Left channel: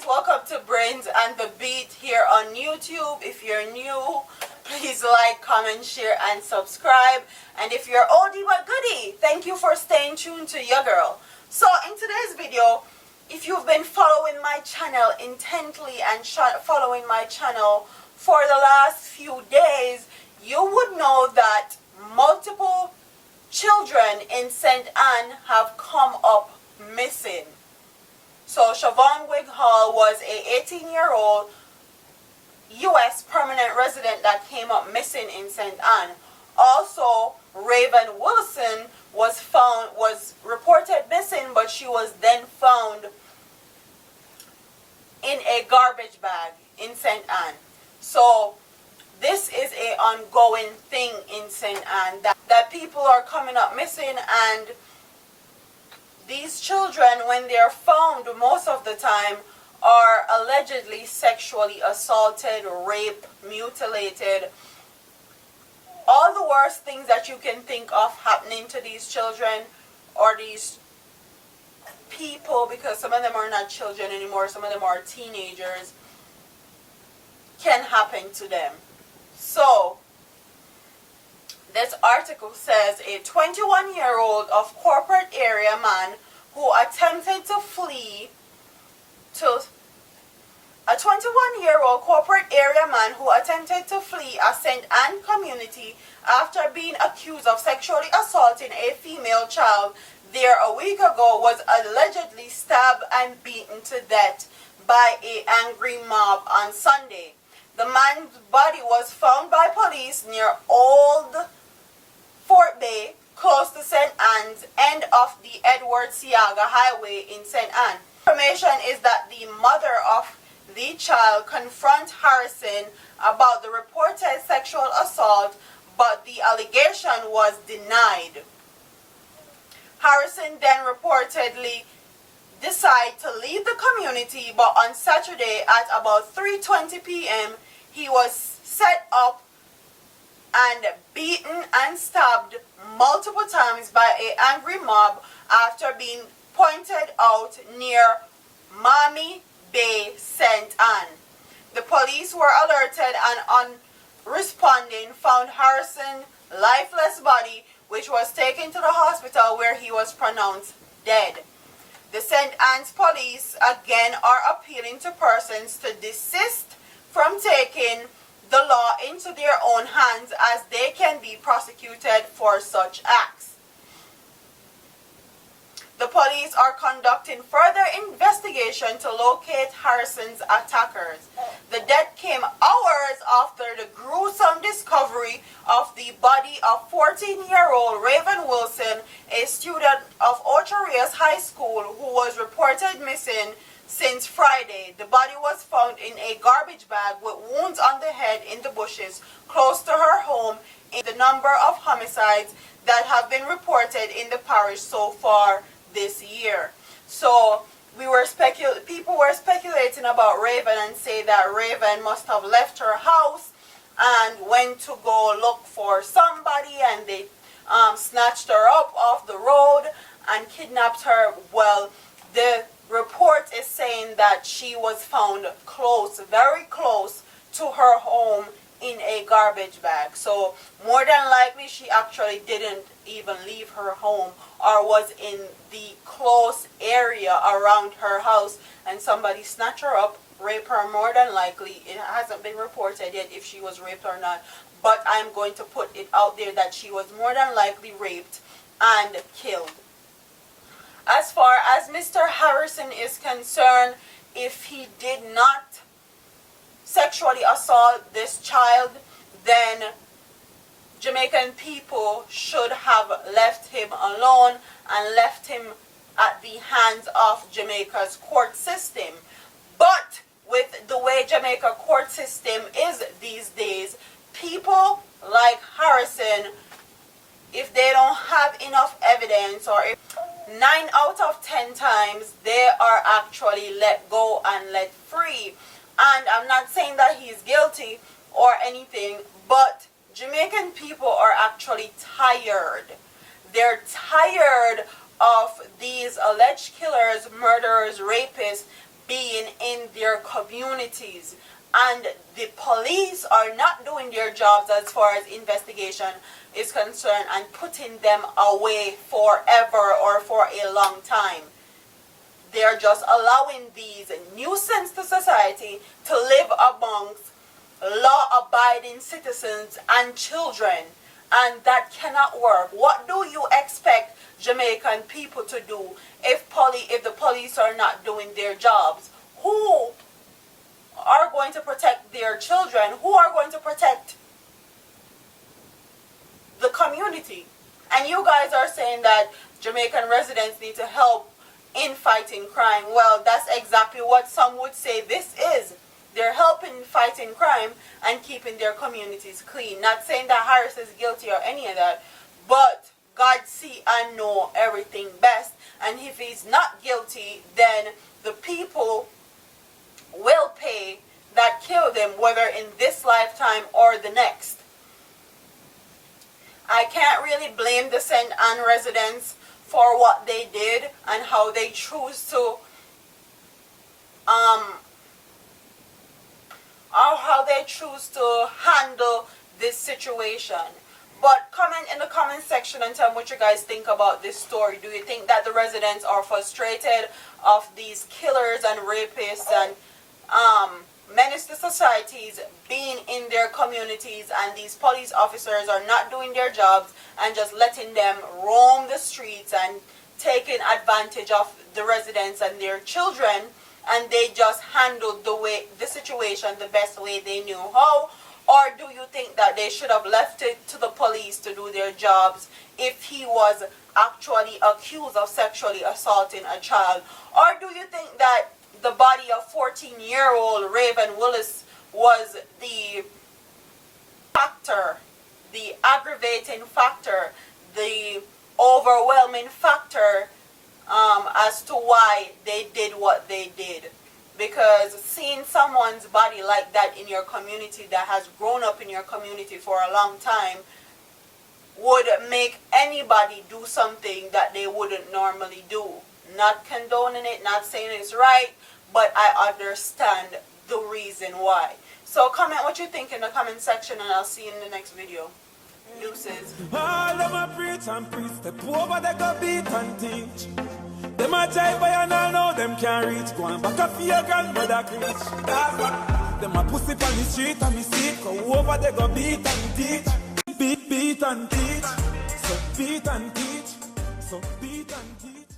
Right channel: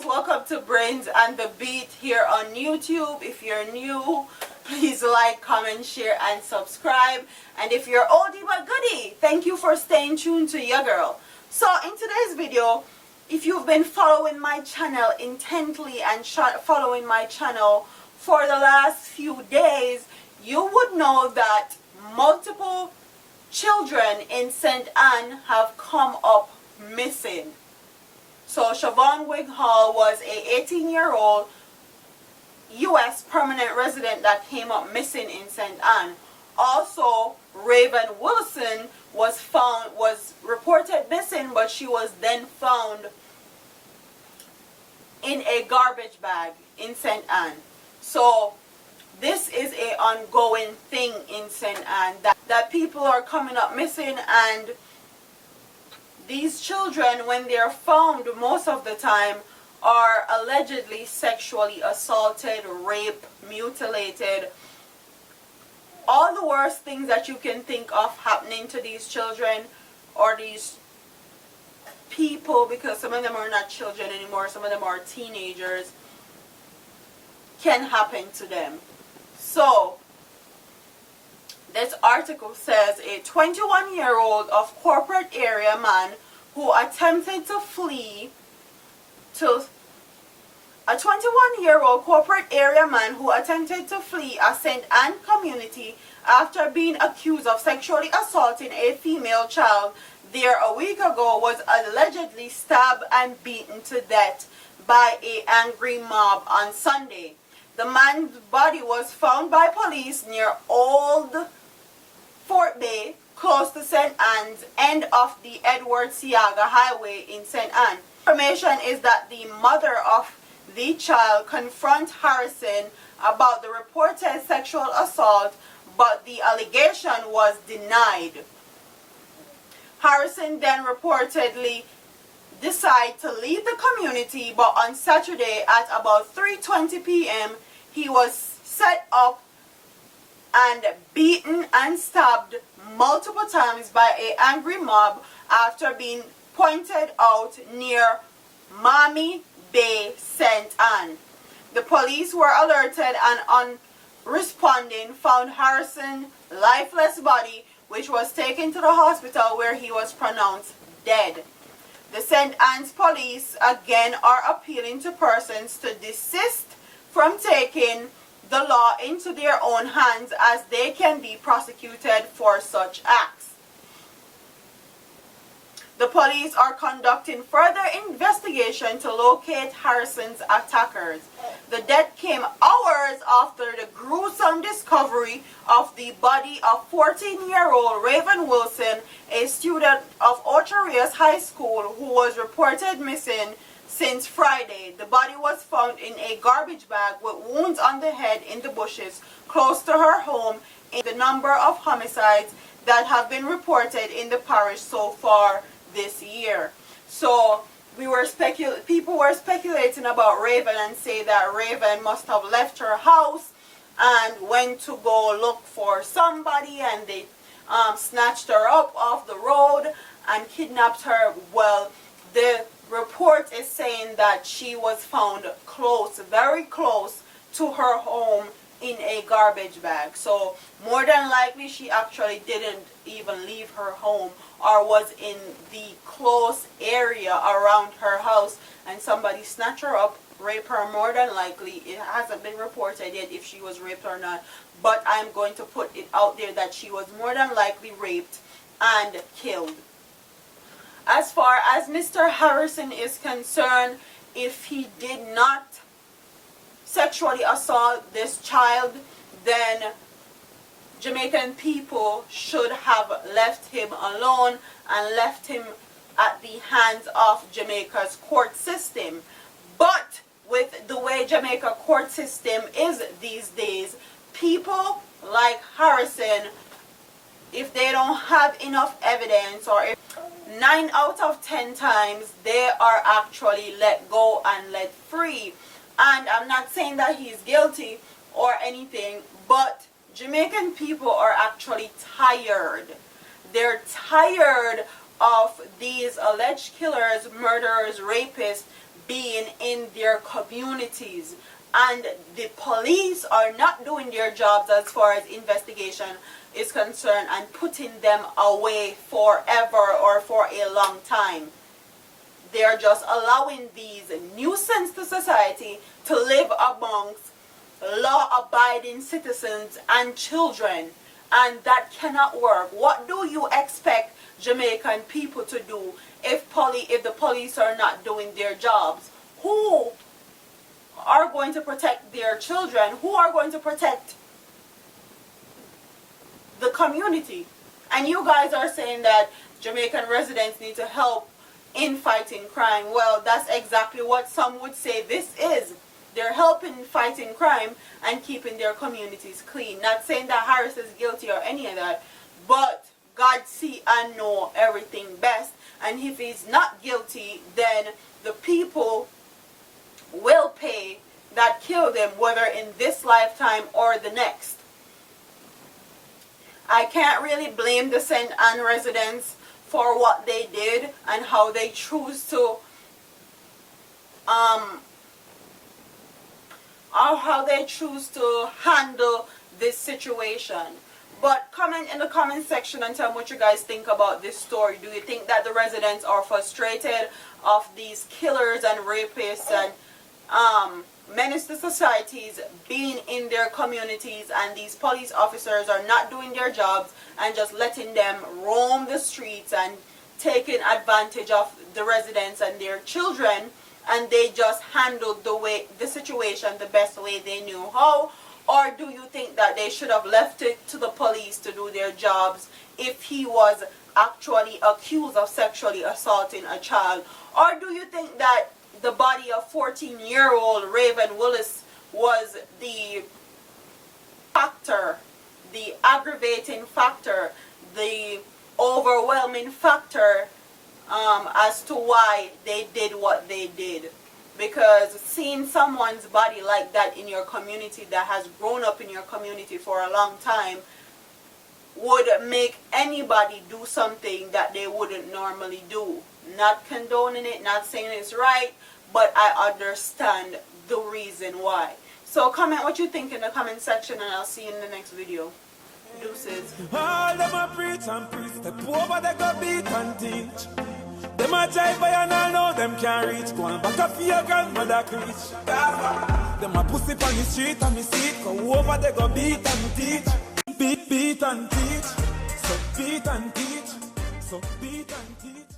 guys, welcome to Brains and the Beat here on YouTube. If you're new, please like, comment, share, and subscribe. And if you're oldie but goodie, thank you for staying tuned to your girl. So in today's video, if you've been following my channel intently and following my channel for the last few days, you would know that multiple children in St. Anne have come up missing. So Siobhan Wighall was a 18-year-old U.S. permanent resident that came up missing in St. Anne. Also, Raven Wilson was reported missing, but she was then found in a garbage bag in St. Anne. So this is an ongoing thing in St. Anne, that people are coming up missing, and these children, when they are found, most of the time are allegedly sexually assaulted, raped, mutilated, all the worst things that you can think of happening to these children or these people, because some of them are not children anymore, some of them are teenagers, can happen to them. So this article says a 21-year-old of corporate area man who attempted to flee to a 21-year-old corporate area man who attempted to flee a St. Anne community after being accused of sexually assaulting a female child there a week ago was allegedly stabbed and beaten to death by an angry mob on Sunday. The man's body was found by police near Old Fort Bay, close to St. Anne's, end of the Edward Seaga Highway in St. Anne. Information is that the mother of the child confronted Harrison about the reported sexual assault, but the allegation was denied. Harrison then reportedly decided to leave the community, but on Saturday at about 3:20 p.m. he was set up and beaten and stabbed multiple times by an angry mob after being pointed out near M0B Bay, St. Anne. The police were alerted and on responding found Harrison's lifeless body, which was taken to the hospital where he was pronounced dead. The St. Anne's police again are appealing to persons to desist from taking the law into their own hands, as they can be prosecuted for such acts. The police are conducting further investigation to locate Harrison's attackers. The death came hours after the gruesome discovery of the body of 14-year-old Raven Wilson, a student of Ocho Rios High School who was reported missing since Friday. The body was found in a garbage bag with wounds on the head in the bushes close to her home. In the number of homicides that have been reported in the parish so far this year. So people were speculating about Raven and say that Raven must have left her house and went to go look for somebody, and they snatched her up off the road and kidnapped her. Well, the report is saying that she was found close, very close to her home in a garbage bag. So more than likely she actually didn't even leave her home, or was in the close area around her house and somebody snatched her up, raped her. More than likely, it hasn't been reported yet if she was raped or not, but I'm going to put it out there that she was more than likely raped and killed. As far as Mr. Harrison is concerned, if he did not sexually assault this child, then Jamaican people should have left him alone and left him at the hands of Jamaica's court system. But with the way Jamaica court system is these days, people like Harrison, if they don't have enough evidence, or if 9 out of 10 times they are actually let go and let free. And I'm not saying that he's guilty or anything, but Jamaican people are actually tired. They're tired of these alleged killers, murderers, rapists being in their communities. And the police are not doing their jobs as far as investigation is concerned and putting them away forever or for a long time. They're just allowing these nuisance to society to live amongst law-abiding citizens and children, and that cannot work. What do you expect Jamaican people to do if the police are not doing their jobs? Who are going to protect their children? Who are going to protect the community? And you guys are saying that Jamaican residents need to help in fighting crime. Well, that's exactly what some would say this is. They're helping fighting crime and keeping their communities clean. Not saying that Harris is guilty or any of that, but God see and know everything best. And if he's not guilty, then the people will pay that killed him, whether in this lifetime or the next. I can't really blame the St. Anne residents for what they did and how they choose to handle this situation. But comment in the comment section and tell me what you guys think about this story. Do you think that the residents are frustrated of these killers and rapists and menace to societies being in their communities, and these police officers are not doing their jobs and just letting them roam the streets and taking advantage of the residents and their children, and they just handled the situation the best way they knew how? Or do you think that they should have left it to the police to do their jobs if he was actually accused of sexually assaulting a child? Or do you think that the body of 14-year-old Raven Willis was the factor, the aggravating factor, the overwhelming factor as to why they did what they did? Because seeing someone's body like that in your community, that has grown up in your community for a long time, would make anybody do something that they wouldn't normally do. Not condoning it, not saying it's right, but I understand the reason why. So comment what you think in the comment section, and I'll see you in the next video. Deuces. All them a preach and preach, step over they go beat and teach. Them a jive by and all know them can't reach. Go and back up for your grandmother preach. Them a pussy on the street and me see it. Go over they go beat and teach. Beat and teach. So beat and teach. So beat and teach.